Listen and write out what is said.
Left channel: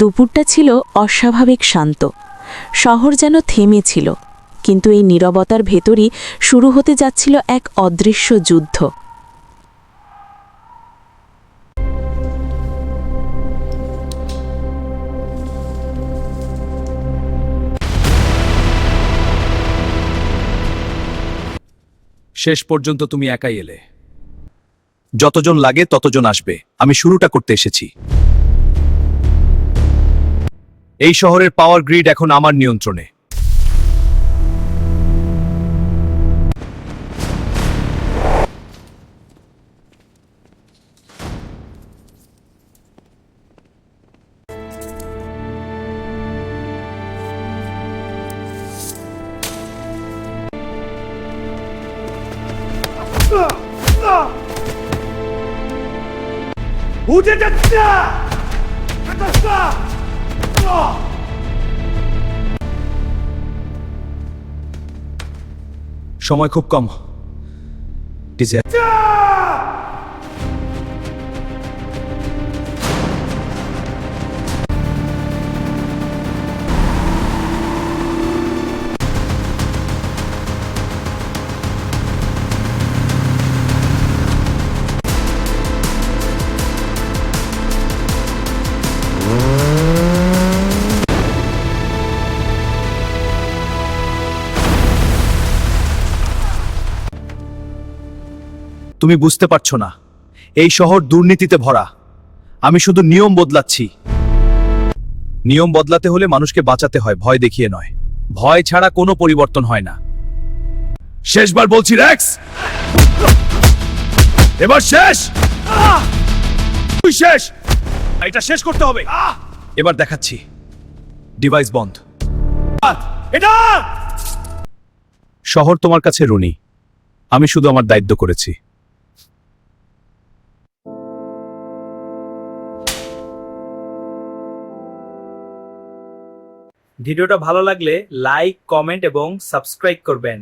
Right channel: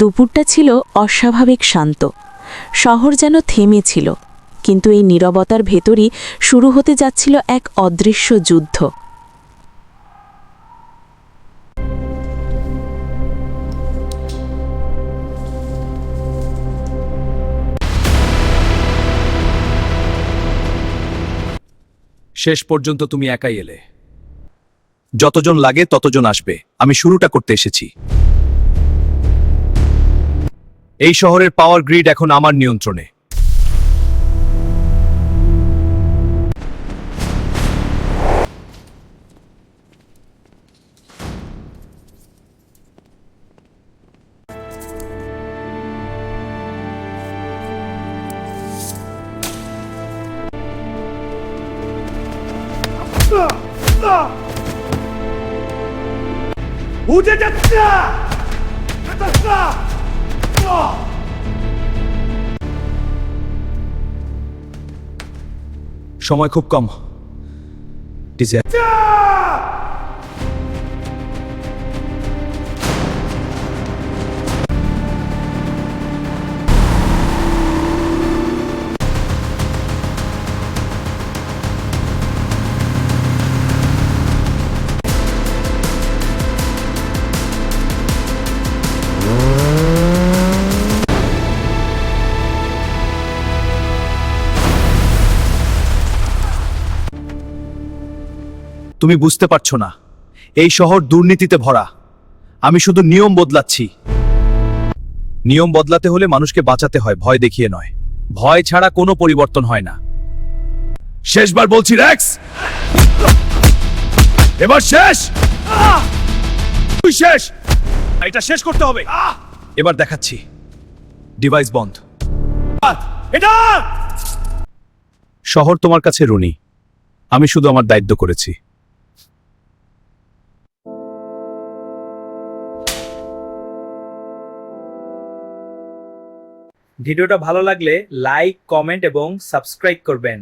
দুপুরটা ছিল অস্বাভাবিক শান্ত। শহর যেন থেমেছিল, কিন্তু এই নীরবতার ভেতরই শুরু হতে যাচ্ছিল এক অদৃশ্য যুদ্ধ। শেষ পর্যন্ত তুমি একাই এলে। যতজন লাগে ততজন আসবে, আমি শুরুটা করতে এসেছি। এই শহরের পাওয়ার গ্রিড এখন আমার নিয়ন্ত্রণে। উঠে যাচ্ছে না! সময় খুব কম। তুমি বুঝতে পারছো না, এই শহর দুর্নীতিতে ভরা। আমি শুধু নিয়ম বদলাচ্ছি। নিয়ম বদলাতে হলে মানুষকে বাঁচাতে হয়, ভয় দেখিয়ে নয়। ভয় ছাড়া কোনো পরিবর্তন হয় না। শেষবার বলছি রেক্স, এবার শেষ। তুই শেষ, এটা শেষ করতে হবে। এবার দেখাচ্ছি। ডিভাইস বন্ধ। এটা শহর তোমার কাছে ঋণী। আমি শুধু আমার দায়িত্ব করেছি। ভিডিওটা ভালো লাগলে লাইক, কমেন্ট এবং সাবস্ক্রাইব করবেন।